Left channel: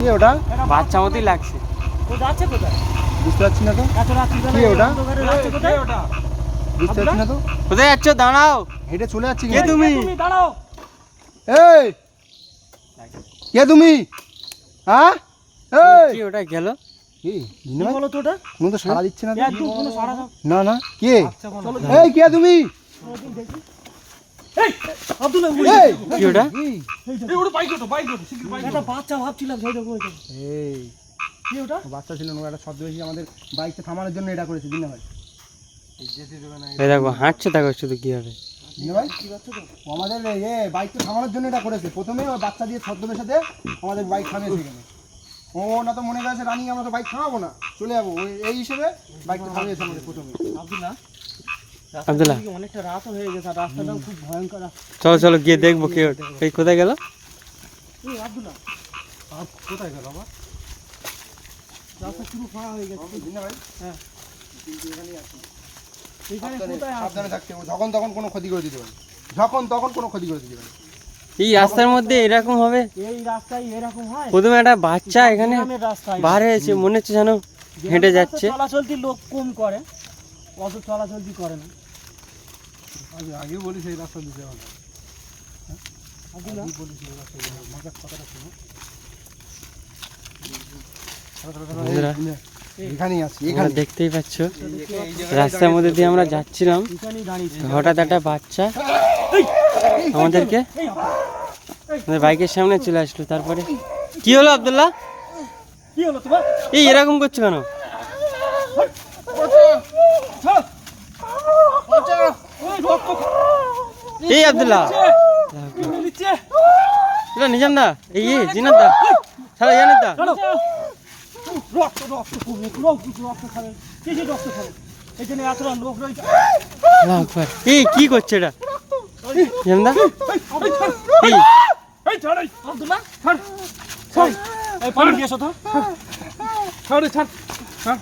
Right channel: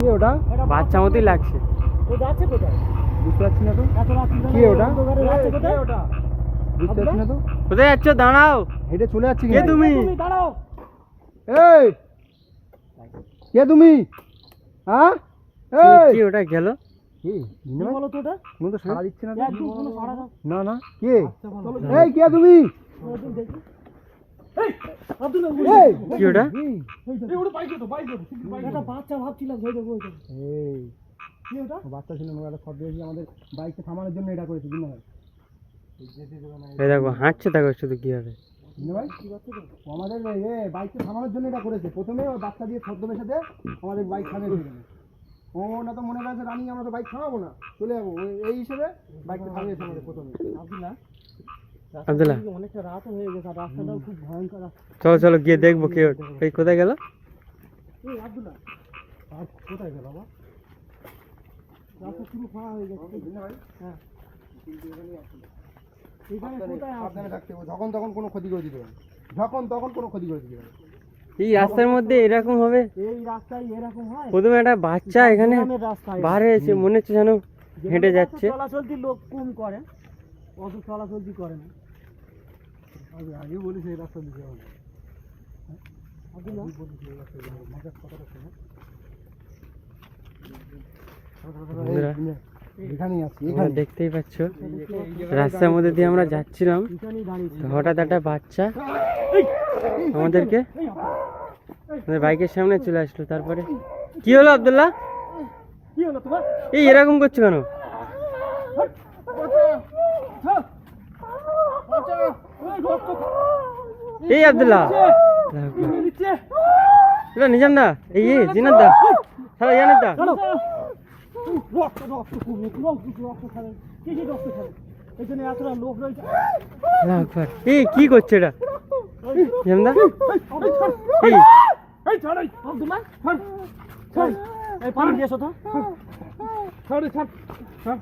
কি ওটা? বাচ্চা মতই লাগছে। ও যাচ্ছে কোথায় বুঝতে পারছি না তো। এত রাত্রি কি ওটা? যাচ্ছে কোথায় ওটা? বুঝতে পারছি না তো। কোথায় যাচ্ছ? দাঁড়াও। হেঁটে চলে যাচ্ছি কে কিন্তু। তুমি? তুমি দাঁড়াও। এই কে তুমি? হ্যাঁ এই কি ওটা গেল? কি কি বলো তো ওটা? কোনো তো সাড়া দিচ্ছে না তো। একদম কোনো সাড়া দাও। না না কে? চলো এই কে তুমি? ওদিন দেখি। এই আব্দুল্লাহ এই কি ওটা? এই ওটা বাইক ওটা শিগগির বাইক একটা বাচ্চা ভাবছিলাম সেই দেখো ওইটা এই কি ওটা? বাচ্চা ছিল না, একটা ছদ্মবেশী আমাদের বাইকটা থামানোর জন্য এটা করেছে দিনা ভাই। এই দেখো হাঁটছে, দেখো শুধু কি হবে। দিনা ভাই কি বাচ্চা তো? ও আমাদের বাইকটা থামানোর জন্য এটা করেছে। প্রথমে ওই বাচ্চা দিয়ে ছদ্মবেশে আমাদের বাইক থামিয়েছে এখানে। ওটা তো মনে করেছে রানিং, আমরা তো বাইক থামাবো না, চলে যাবো এই হিসেবে বাইকটা থামিয়েছে আমাদের প্রথমে। আব্দুল্লাহ আব্দুল্লাহ অনেকটা রাত হয়ে গেছে আর রাস্তাটাও খুব ভয়ঙ্কর। চলো চলো গিয়ে দেখবো কে ওটা। এই কোথায় গেল? এই আব্দুল্লাহ আর কোথায় গেল আবার? রাস্তা পুরো ফাঁকা হয়ে গেছে। দিনা ভাই হ্যাঁ কিন্তু এখানেই আছে। এখানে কোথায় সাবধানে থাকতে হবে, যখন তখন কোনো ক্ষতি করে দিতে পারে, যখন তখন কোনো ক্ষতি করে দিতে পারে। এই রাস্তার মধ্যে এরকম হবে? এই রাস্তায় এরকম হয়? প্রথমে একটা বাচ্চা এখানে গ্রামের রাস্তায় বার হয়েছে, মনে হচ্ছে যেন হেঁটে যাচ্ছে। চলাচলতি লোক কম করে, অত চলাচলতি করে না। আগে বলিস এই রাস্তা দিতে হবে। আব্দুল্লাহ বন্ধুরা, এখানেই আছি, তোমরা এখানে দেখতেই পাচ্ছ রাস্তার মধ্যে দিয়ে আমরা যাচ্ছিলাম, এখানেই দাঁড়িয়ে হঠাৎ একটা বাচ্চা আমাদেরকে আমাদের বাইকের সামনে চলে আসলো। তারপরে কি হলো আব্দুল্লাহ? কি হলো তোমার? এই এরকম করছো কেন? এই আব্দুল্লাহ নিজাম দা, এই জিনাত দা, ছাড়া জানিস দা, রক্ত রক্ত কমে রক্ত খাবে, কিছু রক্ত খাবে। এখানে এতটা লোক রয়েছে। এই কি করছে এটা? নিজাম দা এই এই ছাড় আব্দুল্লাহ, ছাড় ছাড়, এই পানি দিয়ে এসো তো। ছাড় ছাড় ছাড়।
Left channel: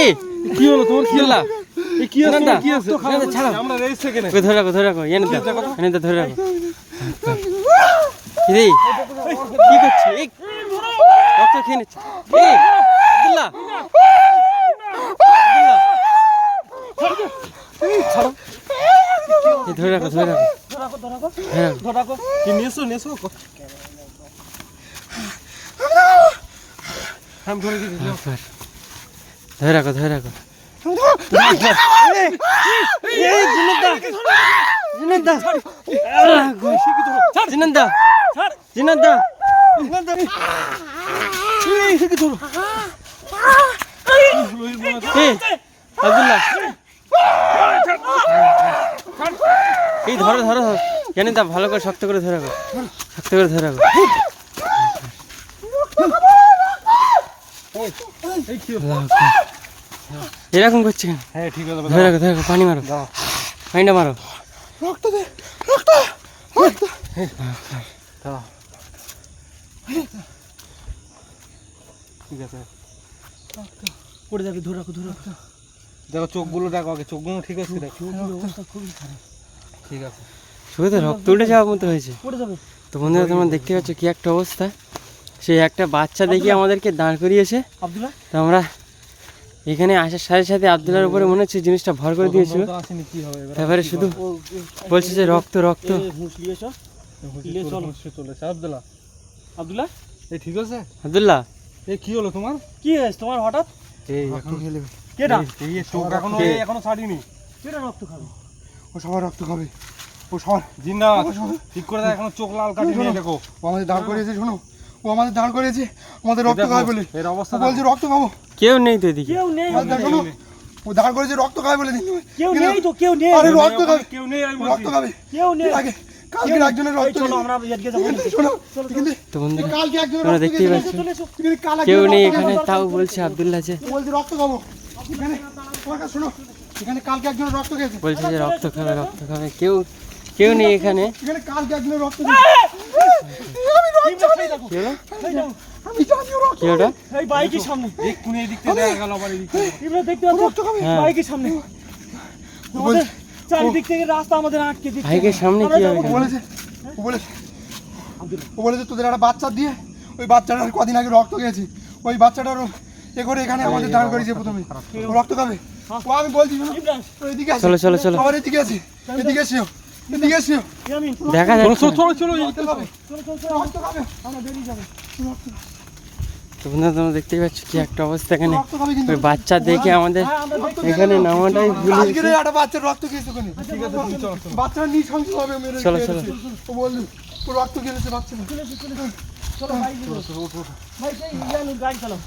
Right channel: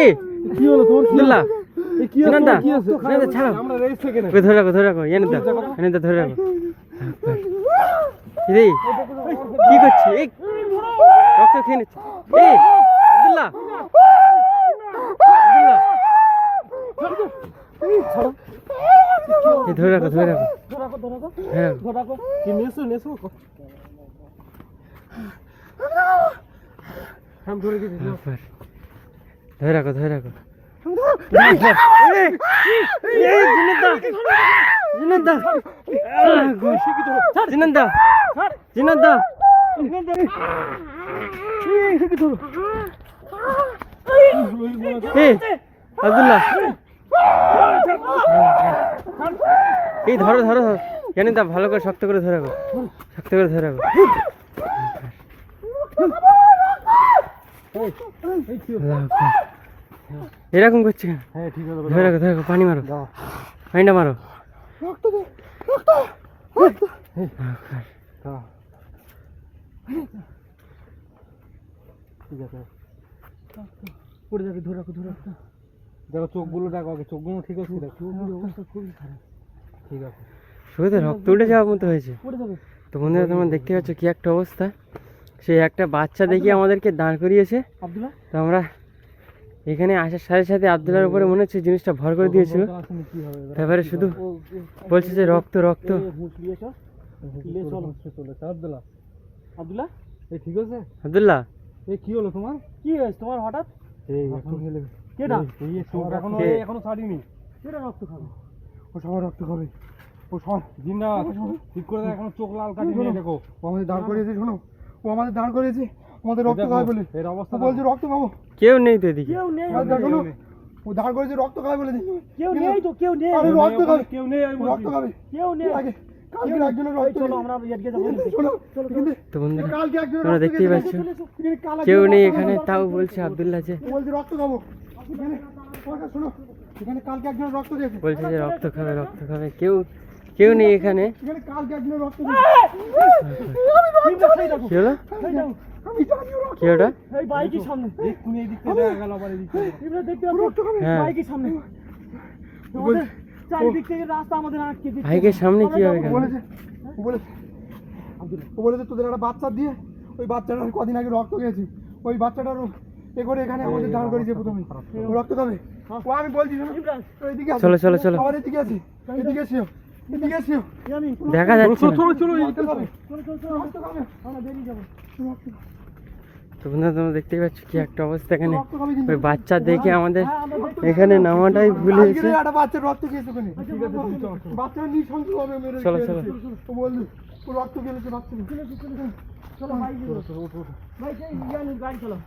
এই কি হলো তোমার? কি আব্দুল্লাহ এই কি হলো? কি আছে? ছাড়ো, আমরা রেস থেকে না। ধরে রাখো ধরে রাখো, জানিস দা জানিস দা ধরে রাখো। এই কি করছে? এই রক্ত খেয়ে নিচ্ছে। এই আব্দুল্লাহ আব্দুল্লাহ ছাড়ো, এই ধরে রাখো ধরে রাখো ধরাকো ধরাকো হ্যাঁ ধরাকো। কি নেছো নেছো? আমি ধরে দিই। ধরে রাখো ধরে রাখো। জিনাদা জিনাদা আব্দুল্লাহ এই ধরো ধরো জানি দা, ভালো করে শক্ত করে ধরে রাখো, শক্ত করে ধরে রাখো। এরকম করছে কেন? হ্যাঁ ঠিক আছে, ধরে রাখো ধরে রাখো, পানি মারো, পানিটা মারো। রক্ত দে, রক্ত রক্ত। ঠিক আছে, পড়ে যাবে, ধরাকো ধরাকো। দেখো চোখগুলো দেখো আগে, চোখগুলো ঠিক আছে দেখো। অবস্থা খুবই খারাপ, ঠিক আছে। শুধু তো রক্ত উঠে যাওয়ার মতো হয়েছে। পড়ে যাবে। তো বন্ধুরা তোমরা দেখতে পাচ্ছ কি একটা অবস্থা। সেই একটা বাচ্চা দেখে আমাদেরকে দাঁড় করিয়েছে। আব্দুল্লাহ তো আমরা এখানে আসার সাথে সাথে আব্দুল্লাহর উপরে মনে হচ্ছে জিনিসটা ভর করে দিয়েছিল। আসেনি কি হবে এবার? তারপরে শুধু বলছে যে রক্ত রক্ত। হুঁশলি এসো। চলেছে আব্দুল্লাহ। আব্দুল্লাহ এই ঠিক আছে? আব্দুল্লাহ এই কি হলো তোমার? কি হয়েছে তোমার হঠাৎ? এই এখন খেলে কেডা এই চোখ এখনো এখনো ছাড়িনি। কেডা রক্ত খাবে? ও সবার রক্ত খাবে, ও সবার জিন্দাবাদ। ঠিক করে দাও, এখনো চোখ লাল কাটি নিয়ে দেখো। ও আমাদের দাঁড় করিয়েছে, শোনো, ও আমাদের দাঁড় করিয়েছে আমাদের রক্ত খাবে বলে। এর অবস্থা বলছে রক্ত খাবো। কেউ নেই তো এদিকে। কেউ নেই, শোনো, ও দাঁড় করেছে রক্ত খাবে বলে। কেউ নেই তো, কেউ নেই। আরে রক্ত খাবে, কেউ নেই, আমি রক্ত খাবে, কেউ নেই। আগে কালকে একজনের রক্ত। চলো আমরা এদিকে যাবো। শোনো, তো বন্ধুরা কালকে একজনের তোমরা রক্ত দেখতেই পাচ্ছ কেউ নেই এখানে, তাও বলছে আব্দুল্লাহ যে বলছে রক্ত খাবো। এখানে তোমার কাছে শোনো, এখানে কালকে একজনের রক্ত খেয়েছে, বলছে যে রক্ত খাবে রক্ত খাবে। কেউ কেউ নেই এখানে। এখানে কালকে একজনের রক্ত খেয়েছে। কি হলো? কি ওটা? এই বাইকের সামনে কোন এই দিকতে দেখা গেল, আবার এই দিকতে তোমরা দেখতে পাচ্ছ হ্যাঁ বাইকের সামনে আমাদের চারিদিক থেকে রাস্তা আমাদের আটকে দিচ্ছে। বাইকের সামনে কি হবে? বলেছে, ও বলেছে তোদের একটা বাচ্চা দিয়ে ওই বাচ্চাটার কদিন আগে রক্ত খেয়েছি, ওই বাচ্চাটারও এ করে এখানে আমাদের দাঁড় করিয়েছে প্রথমে। ও রক্ত খাবে, ও আমি বলছি শোনো, ও এদিকে আসো, চলো চলো চলো, আবার এদিকে আছে, এদিকে এসো, এদিকে এসো, দেখা যাচ্ছে না। রক্ত খাবে, রক্ত খাবে, আমরা বেরিয়ে যাবো, রক্ত খাবে, তো বন্ধুরা তোমরা দেখতেই পাচ্ছ কি একটা অবস্থা এখানে। রক্ত খাবে কিন্তু। ওই বাচ্চা দেখে আমাদের এখানে নামাটাই ভুলে আজকে গেছে। একটা বাচ্চার রক্ত খেয়েছে ওখানে, ঠিক আছে তুমি চলো, বাচ্চাটা নৃশংসভাবে মেরে চলো, খেয়েছে। চলো। ও বললো ও রক্ত খেয়েছে বাচ্চা, চলো ভাই, চলো, চলো, ওঠো, ওঠো। ভাই সেই গাড়ি চালাও।